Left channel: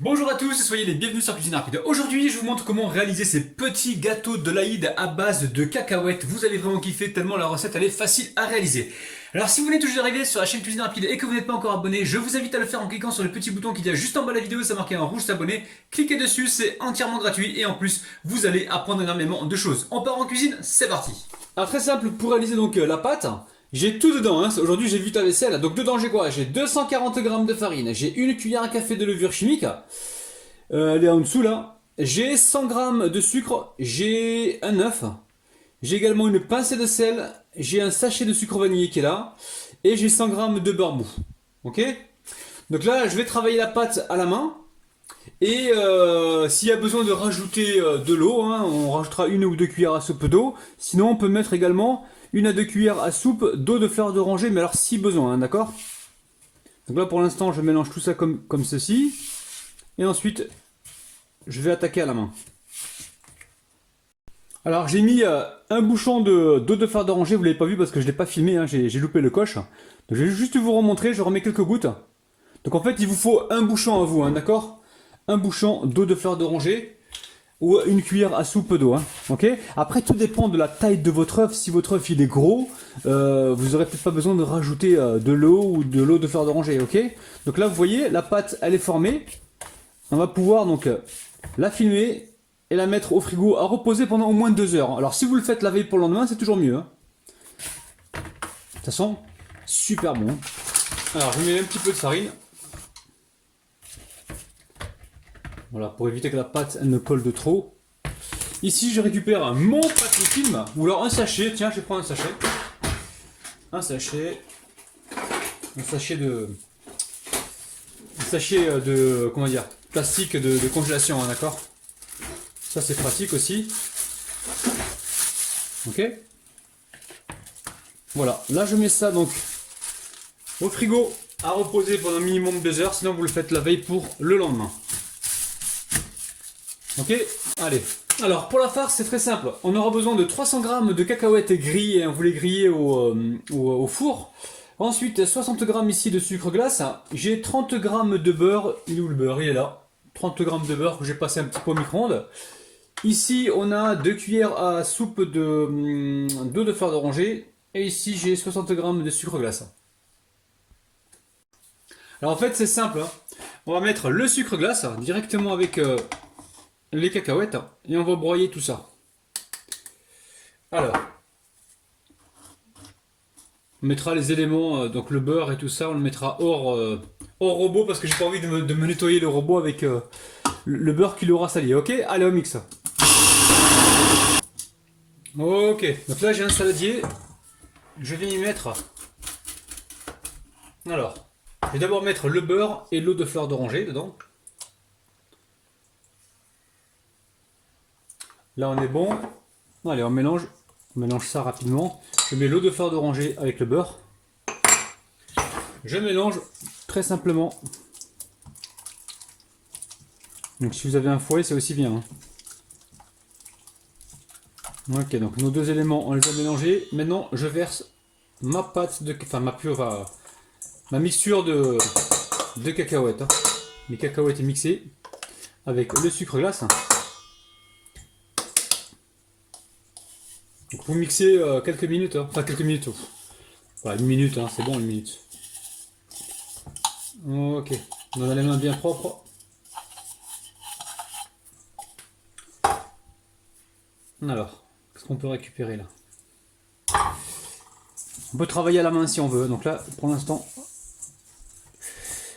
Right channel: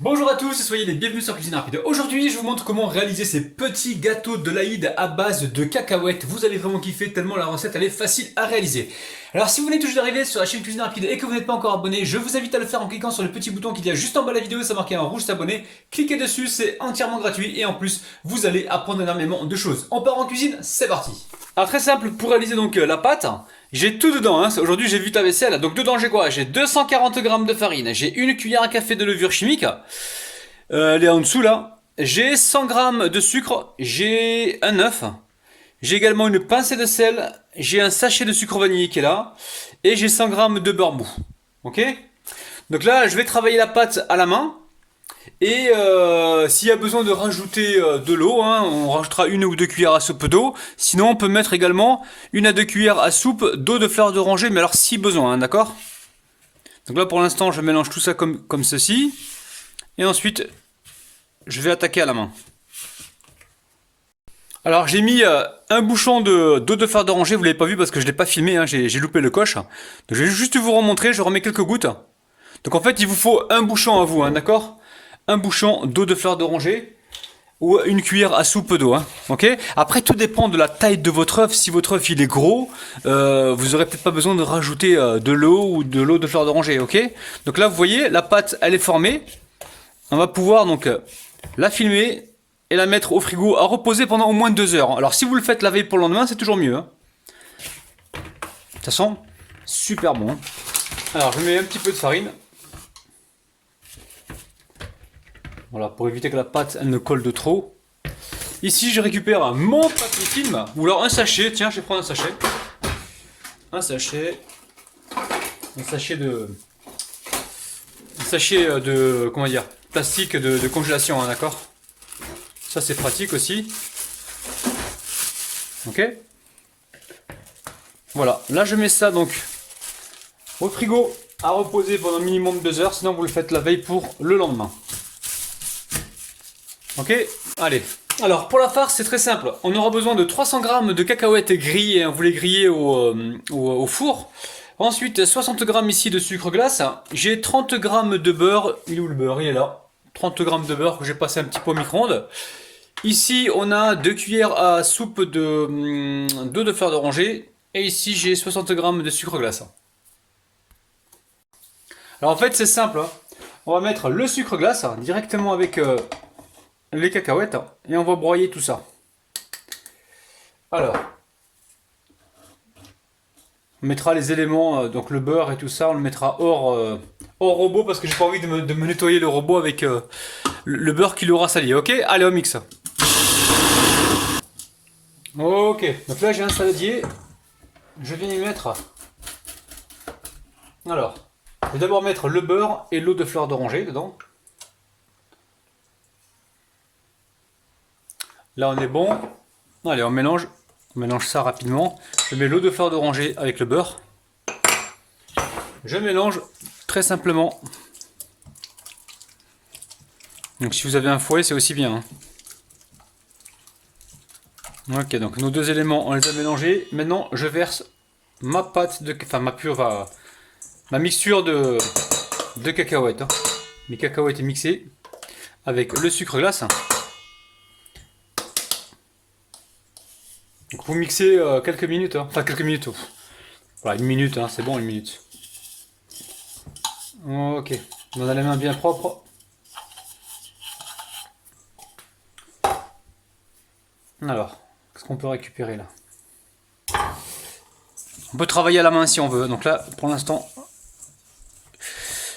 Bonjour à tous et soyez les bienvenus sur Cuisine Rapide. Aujourd'hui, je vous montre comment réaliser ces petits gâteaux de l'Aïd à base de cacahuètes. Vous allez vraiment kiffer tellement la recette elle est facile à réaliser. Alors si vous venez tout juste d'arriver sur la chaîne Cuisine Rapide et que vous n'êtes pas encore abonné, je vous invite à le faire en cliquant sur le petit bouton qu'il y a juste en bas de la vidéo, ça marqué en rouge s'abonner. Cliquez dessus, c'est entièrement gratuit et en plus, vous allez apprendre énormément de choses. On part en cuisine, c'est parti. Alors très simple, pour réaliser donc la pâte, j'ai tout dedans, hein. Aujourd'hui j'ai vu ta vaisselle, donc dedans j'ai quoi? J'ai 240 g de farine, j'ai une cuillère à café de levure chimique, elle est en dessous là. J'ai 100 g de sucre, j'ai un œuf, j'ai également une pincée de sel, j'ai un sachet de sucre vanillé qui est là, et j'ai 100 g de beurre mou. Ok? Donc là je vais travailler la pâte à la main. Et s'il y a besoin de rajouter de l'eau, hein, on rajoutera une ou deux cuillères à soupe d'eau. Sinon, on peut mettre également une à deux cuillères à soupe d'eau de fleur d'oranger, mais alors si besoin, hein, d'accord? Donc là, pour l'instant, je mélange tout ça comme ceci. Et ensuite, je vais attaquer à la main. Alors, j'ai mis un bouchon d'eau de fleur d'oranger, vous l'avez pas vu parce que je l'ai pas filmé, hein, j'ai loupé le coche. Donc, je vais juste vous remontrer, je remets quelques gouttes. Donc en fait, il vous faut un bouchon à vous, hein, d'accord? Un bouchon d'eau de fleur d'oranger ou une cuillère à soupe d'eau, hein, ok? Après, tout dépend de la taille de votre œuf. Si votre œuf il est gros, vous aurez peut-être pas besoin de rajouter de l'eau ou de l'eau de fleur d'oranger, ok? Donc là, vous voyez, la pâte, elle est formée. On va pouvoir donc la filmer et la mettre au frigo à reposer pendant au moins 2 heures. Alors si vous le faites la veille pour le lendemain, c'est toujours mieux, hein. Ça sent super bon, hein. Alors, je mets un petit peu de farine. Voilà, pour éviter que la pâte elle ne colle de trop. Ici, je récupère mon papier film, ou alors un sachet. Tiens, je vais prendre un sachet. Un sachet. Un sachet de. Un sachet de. Comment dire? Plastique de congélation, hein, d'accord? Ça, c'est pratique aussi. Ok? Voilà, là, je mets ça donc au frigo à reposer pendant minimum 2 heures. Sinon, vous le faites la veille pour le lendemain. Ok, allez. Alors pour la farce c'est très simple. On aura besoin de 300 g de cacahuètes grillées. Vous les grillez au four. Ensuite 60 g ici de sucre glace. J'ai 30 g de beurre. Il est où le beurre? Il est là. 30 g de beurre que j'ai passé un petit peu au micro-ondes. Ici on a 2 cuillères à soupe d'eau de fleur d'oranger. Et ici j'ai 60 g de sucre glace. Alors en fait c'est simple, hein. On va mettre le sucre glace directement avec les cacahuètes et on va broyer tout ça. Alors, on mettra les éléments, donc le beurre et tout ça, on le mettra hors robot parce que j'ai pas envie de me nettoyer le robot avec le beurre qui l'aura sali. Ok, allez, on mixe. Ok, donc là j'ai un saladier. Je viens y mettre. Alors, je vais d'abord mettre le beurre et l'eau de fleur d'oranger dedans. Là on est bon. Allez, on mélange. On mélange ça rapidement. Je mets l'eau de fleur d'oranger avec le beurre. Je mélange très simplement. Donc si vous avez un fouet, c'est aussi bien, hein. Ok, donc nos deux éléments, on les a mélangés. Maintenant, je verse ma pâte de, enfin ma mixture de cacahuètes, hein. Les cacahuètes mixées avec le sucre glace. Donc vous mixez quelques minutes, hein. Enfin quelques minutes. Voilà, une minute, hein, c'est bon, une minute. Ok, on a les mains bien propres. Alors, qu'est-ce qu'on peut récupérer là? On peut travailler à la main si on veut. Donc là, pour l'instant,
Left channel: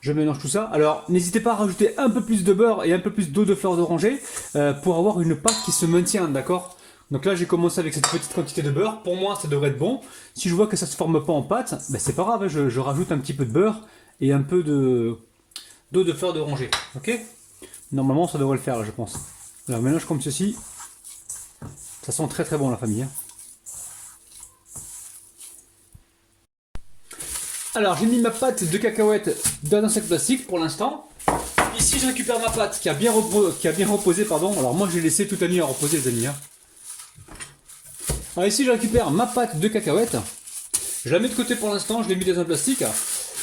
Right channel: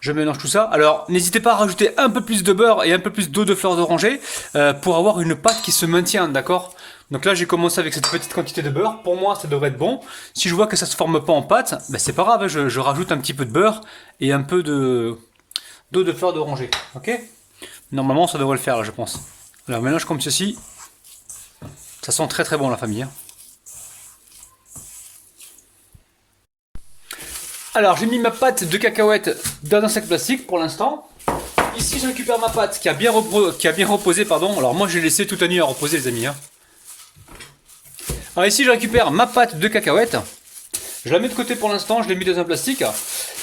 je mélange tout ça. Alors, n'hésitez pas à rajouter un peu plus de beurre et un peu plus d'eau de fleur d'oranger pour avoir une pâte qui se maintient, d'accord? Donc là, j'ai commencé avec cette petite quantité de beurre. Pour moi, ça devrait être bon. Si je vois que ça se forme pas en pâte, ben c'est pas grave, hein, je rajoute un petit peu de beurre et un peu d'eau de fleur d'oranger. Ok? Normalement, ça devrait le faire, là, je pense. Alors, mélange comme ceci. Ça sent très très bon, la famille, hein. Alors, j'ai mis ma pâte de cacahuètes dans un sac plastique pour l'instant. Ici, je récupère ma pâte qui a bien reposé, pardon. Alors, moi, j'ai laissé toute la nuit à reposer, les amis, hein. Alors, ici, je récupère ma pâte de cacahuètes. Je la mets de côté pour l'instant, je l'ai mis dans un plastique.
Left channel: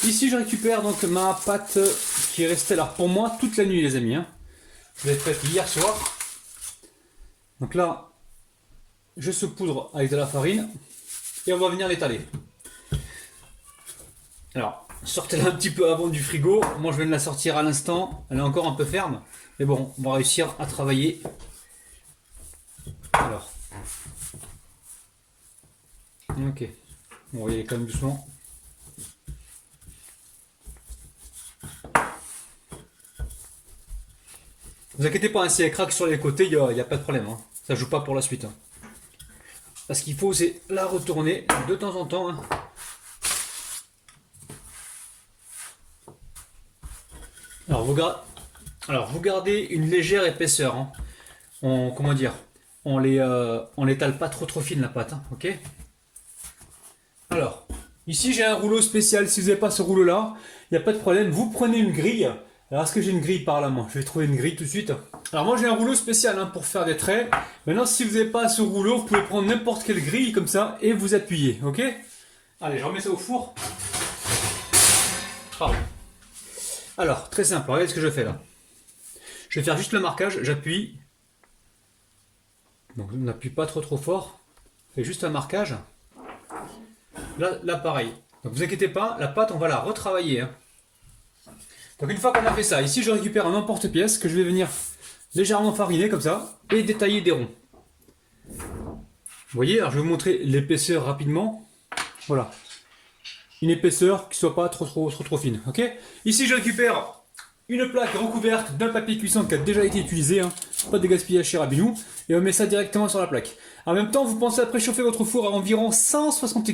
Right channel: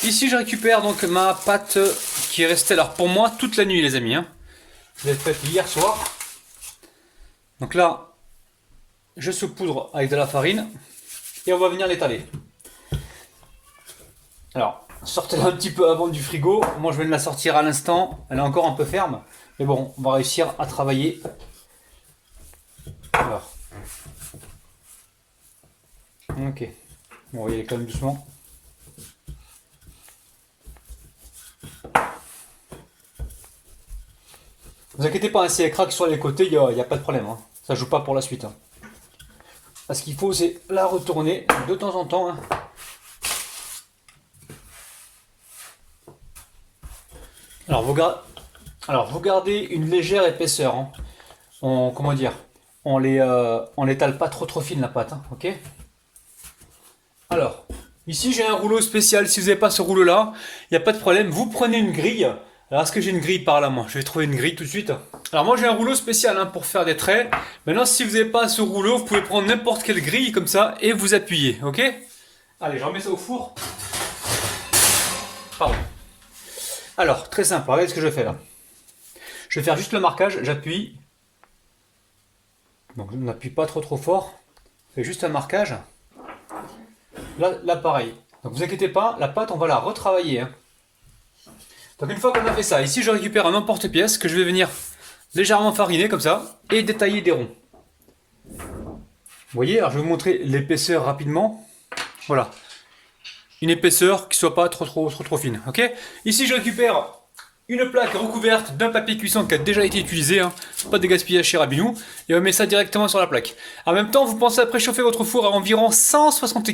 Ici je récupère donc ma pâte qui est restée alors pour moi toute la nuit les amis. Hein. Je l'ai faite hier soir. Donc là, je saupoudre avec de la farine et on va venir l'étaler. Alors, sortez-la un petit peu avant du frigo. Moi je vais la sortir à l'instant. Elle est encore un peu ferme. Mais bon, on va réussir à travailler. Alors. Ok. Bon, on va y aller quand même doucement. Ne vous inquiétez pas, hein, si elle craque sur les côtés, il n'y a pas de problème. Hein. Ça joue pas pour la suite. Hein. Ce qu'il faut, c'est la retourner de temps en temps. Hein. Alors, vous gardez une légère épaisseur. Hein. Comment dire, on l'étale pas trop fine la pâte. Hein, ok. Alors, ici j'ai un rouleau spécial. Si vous n'avez pas ce rouleau-là, il n'y a pas de problème. Vous prenez une grille. Alors, est-ce que j'ai une grille par là, moi? Je vais trouver une grille tout de suite. Alors, moi, j'ai un rouleau spécial hein, pour faire des traits. Maintenant, si vous n'avez pas ce rouleau, vous pouvez prendre n'importe quelle grille comme ça et vous appuyer, ok? Allez, je remets ça au four. Pardon. Alors, très simple, regardez ce que je fais là. Je vais faire juste le marquage, j'appuie. Donc, on n'appuie pas trop fort. Je fais juste un marquage. Là, pareil. Donc, vous inquiétez pas, la pâte, on va la retravailler. Hein. Donc une fois qu'on a fait ça, ici je récupère un emporte-pièce que je vais venir légèrement fariner comme ça et détailler des ronds. Vous voyez, alors je vais vous montrer l'épaisseur rapidement. Voilà. Une épaisseur qui soit pas trop fine. Ok. Ici je récupère une plaque recouverte d'un papier cuisson qui a déjà été utilisé. Hein. Pas de gaspillage chez Rabinou. Et on met ça directement sur la plaque. En même temps, vous pensez à préchauffer votre four à environ 170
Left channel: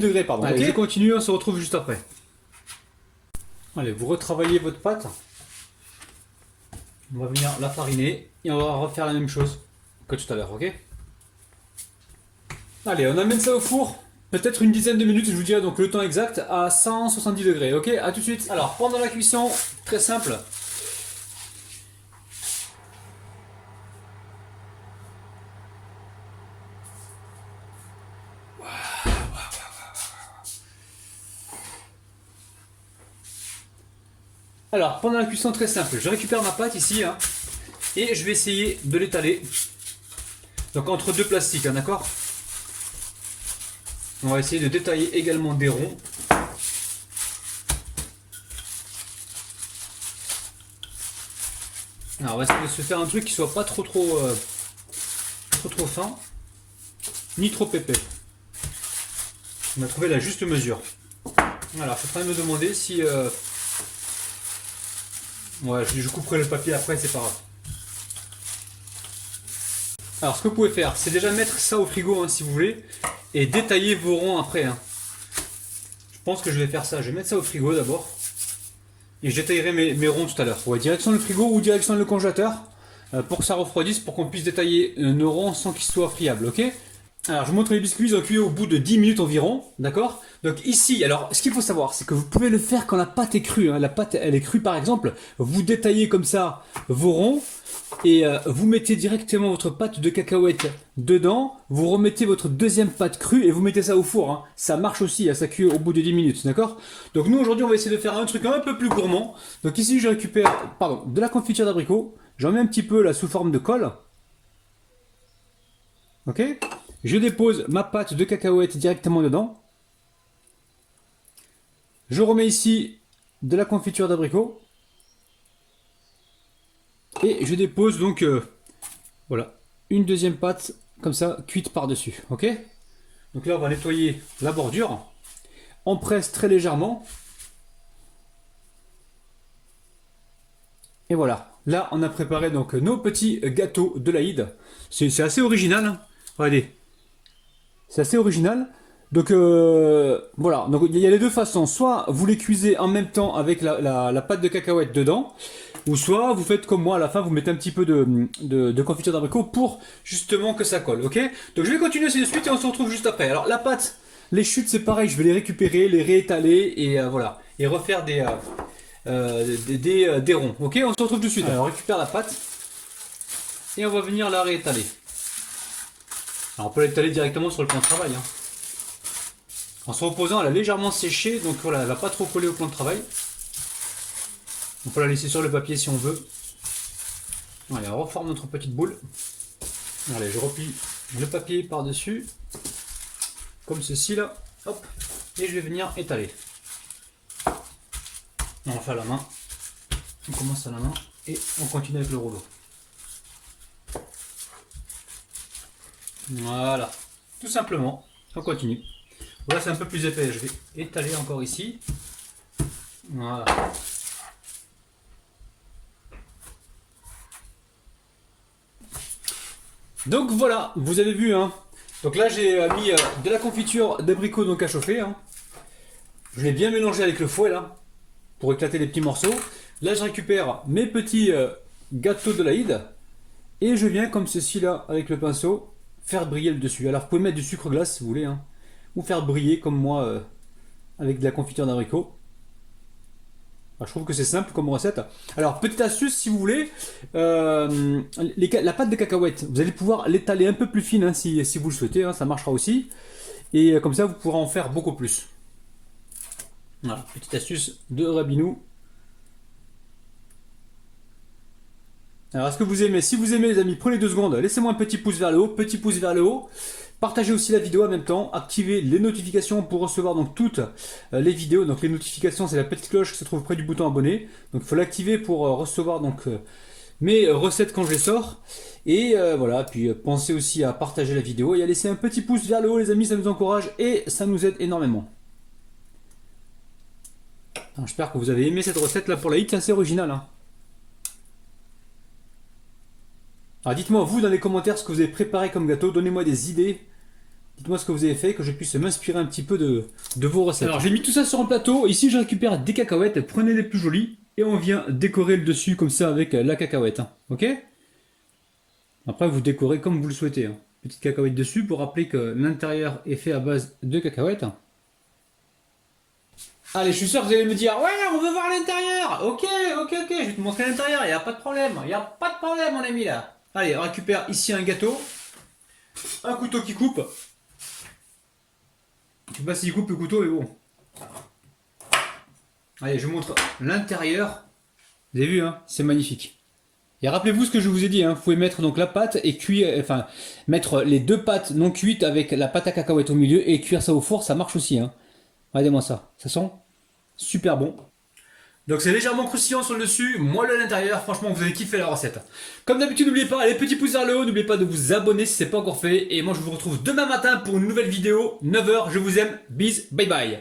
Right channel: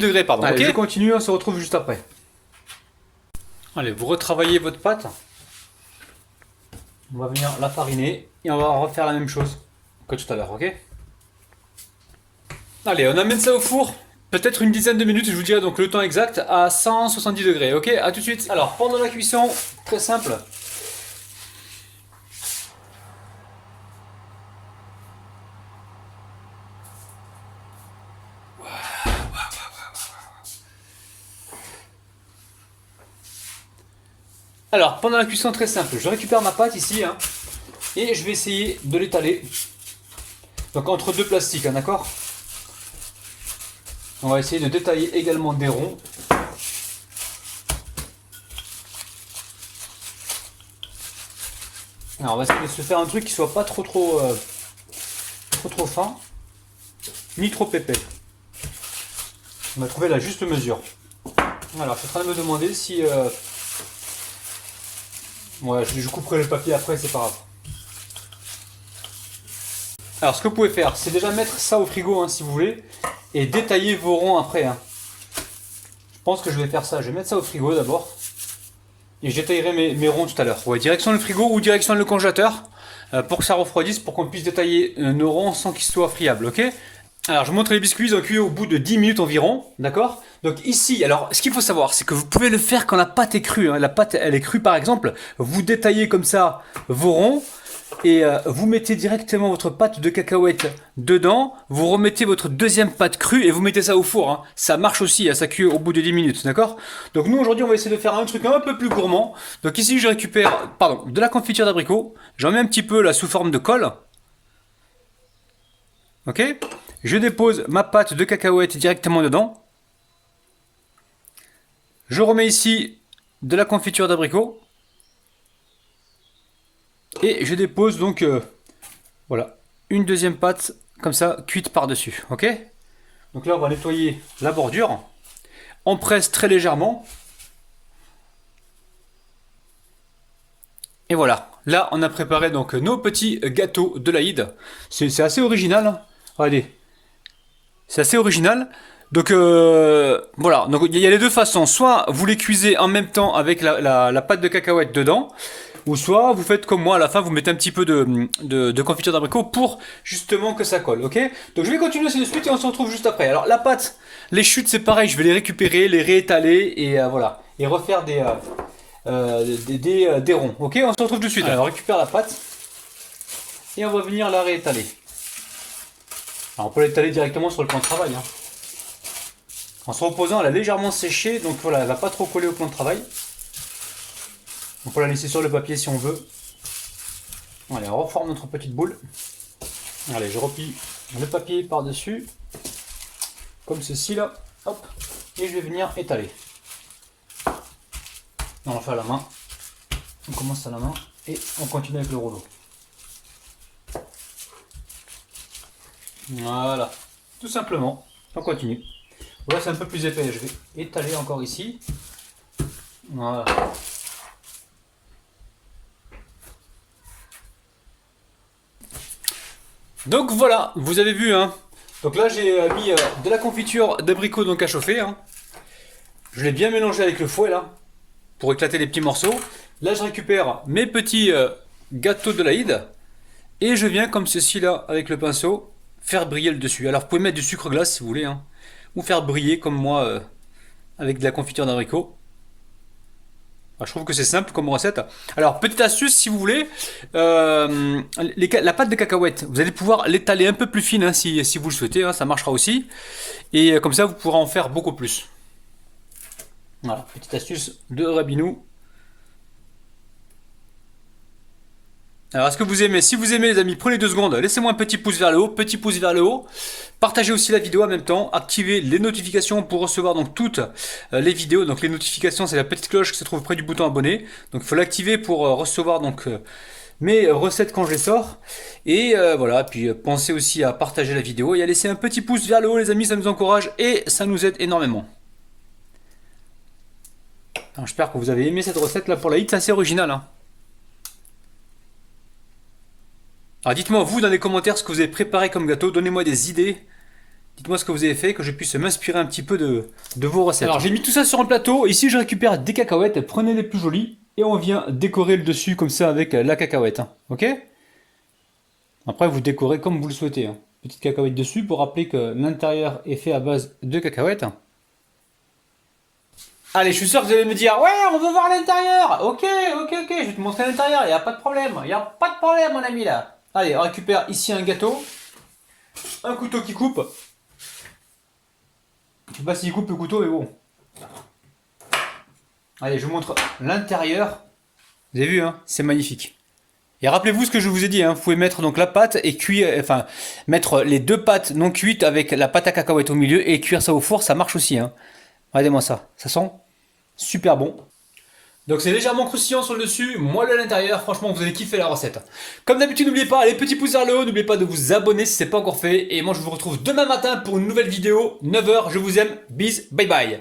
degrés. Pardon. Allez, ok. Je continue, on se retrouve juste après. Allez, vous retravaillez votre pâte. On va venir la fariner et on va refaire la même chose que tout à l'heure, ok? Allez, on amène ça au four, peut-être une dizaine de minutes, je vous dirai donc le temps exact, à 170 degrés, ok? A tout de suite. Alors, pendant la cuisson, très simple. Alors, pendant la cuisson, très simple, je récupère ma pâte ici, hein, et je vais essayer de l'étaler. Donc entre deux plastiques, hein, d'accord? On va essayer de détailler également des ronds. Alors on va essayer de se faire un truc qui soit pas trop fin, ni trop épais. On va trouver la juste mesure. Voilà, je suis en train de me demander si... Ouais, je couperai le papier après, c'est pas grave. Alors ce que vous pouvez faire, c'est déjà mettre ça au frigo hein, si vous voulez, et détailler vos ronds après. Hein. Je pense que je vais faire ça, je vais mettre ça au frigo d'abord, et je détaillerai mes ronds tout à l'heure. Ouais, direction le frigo ou direction le congélateur, pour que ça refroidisse, pour qu'on puisse détailler nos ronds sans qu'ils soient friables, ok? Alors je vous montre les biscuits, ils ont cuit au bout de 10 minutes environ, d'accord? Donc ici, alors ce qu'il faut savoir, c'est que vous pouvez le faire quand la pâte est crue. Hein. La pâte, elle est crue par exemple, vous détaillez comme ça vos ronds, et vous mettez directement votre pâte de cacahuètes dedans, vous remettez votre deuxième pâte crue et vous mettez ça au four. Hein. Ça marche aussi, hein, ça cuit au bout de 10 minutes, d'accord? Donc nous aujourd'hui on va essayer de faire un truc un peu plus gourmand. Donc ici je récupère de la confiture d'abricot, j'en mets un petit peu là sous forme de colle. Ok? Je dépose ma pâte de cacahuètes directement dedans. Je remets ici de la confiture d'abricot. Et je dépose donc voilà, une deuxième pâte comme ça cuite par dessus, ok? Donc là on va nettoyer la bordure, on presse très légèrement et voilà, là on a préparé donc nos petits gâteaux de l'Aïd. C'est assez original, hein. Regardez, c'est assez original. Donc voilà, donc il y a les deux façons, soit vous les cuisez en même temps avec la pâte de cacahuète dedans, ou soit vous faites comme moi, à la fin vous mettez un petit peu de confiture d'abricot pour justement que ça colle, ok? Donc je vais continuer ainsi de suite et on se retrouve juste après. Alors la pâte, les chutes c'est pareil, je vais les récupérer, les réétaler et voilà, et refaire des ronds, ok? On se retrouve tout de suite. Alors on récupère la pâte et on va venir la réétaler. Alors on peut l'étaler directement sur le plan de travail, hein. En se reposant, elle a légèrement séché, donc voilà, elle va pas trop coller au plan de travail. On peut la laisser sur le papier si on veut. Allez, on reforme notre petite boule. Allez, je replie le papier par-dessus, comme ceci là. Hop, et je vais venir étaler. On va faire à la main. On commence à la main et on continue avec le rouleau. Voilà, tout simplement, on continue. Voilà, c'est un peu plus épais, je vais étaler encore ici. Voilà. Donc voilà, vous avez vu, hein. Donc là j'ai mis de la confiture d'abricot donc à chauffer. Hein. Je l'ai bien mélangé avec le fouet là, pour éclater les petits morceaux. Là je récupère mes petits gâteaux de l'Aïd. Et je viens comme ceci là, avec le pinceau, faire briller le dessus. Alors vous pouvez mettre du sucre glace si vous voulez, hein, ou faire briller comme moi avec de la confiture d'abricot. Je trouve que c'est simple comme recette. Alors petite astuce si vous voulez, la pâte de cacahuètes, vous allez pouvoir l'étaler un peu plus fine hein, si vous le souhaitez, hein, ça marchera aussi. Et comme ça vous pourrez en faire beaucoup plus. Voilà, petite astuce de Rabinou. Alors est-ce que vous aimez? Si vous aimez les amis, prenez 2 secondes, laissez-moi un petit pouce vers le haut, petit pouce vers le haut. Partagez aussi la vidéo en même temps, activez les notifications pour recevoir donc toutes les vidéos. Donc les notifications c'est la petite cloche qui se trouve près du bouton abonné. Donc il faut l'activer pour recevoir donc mes recettes quand je les sors. Et voilà, puis pensez aussi à partager la vidéo et à laisser un petit pouce vers le haut les amis, ça nous encourage et ça nous aide énormément. J'espère que vous avez aimé cette recette là pour l'Aïd, c'est assez original hein. Alors dites-moi vous dans les commentaires ce que vous avez préparé comme gâteau, donnez-moi des idées. Dites-moi ce que vous avez fait, que je puisse m'inspirer un petit peu de vos recettes. Alors j'ai mis tout ça sur un plateau, ici je récupère des cacahuètes, prenez les plus jolies et on vient décorer le dessus comme ça avec la cacahuète. Hein. Ok? Après vous décorez comme vous le souhaitez. Hein. Petite cacahuète dessus pour rappeler que l'intérieur est fait à base de cacahuètes. Allez, je suis sûr que vous allez me dire, ouais, on veut voir l'intérieur. Ok, je vais te montrer l'intérieur, il n'y a pas de problème. Il n'y a pas de problème mon ami là. Allez, on récupère ici un gâteau, un couteau qui coupe. Je sais pas s'il coupe le couteau, mais bon. Allez, je vous montre l'intérieur. Vous avez vu, hein, c'est magnifique. Et rappelez-vous ce que je vous ai dit, hein, vous pouvez mettre donc la pâte et cuire, enfin, mettre les 2 pâtes non cuites avec la pâte à cacahuètes au milieu et cuire ça au four, ça marche aussi. Hein. Regardez-moi ça, ça sent super bon. Donc c'est légèrement croustillant sur le dessus, moelleux à l'intérieur, franchement vous allez kiffer la recette. Comme d'habitude n'oubliez pas les petits pouces vers le haut, n'oubliez pas de vous abonner si ce n'est pas encore fait. Et moi je vous retrouve demain matin pour une nouvelle vidéo, 9 h, je vous aime, bis, bye bye.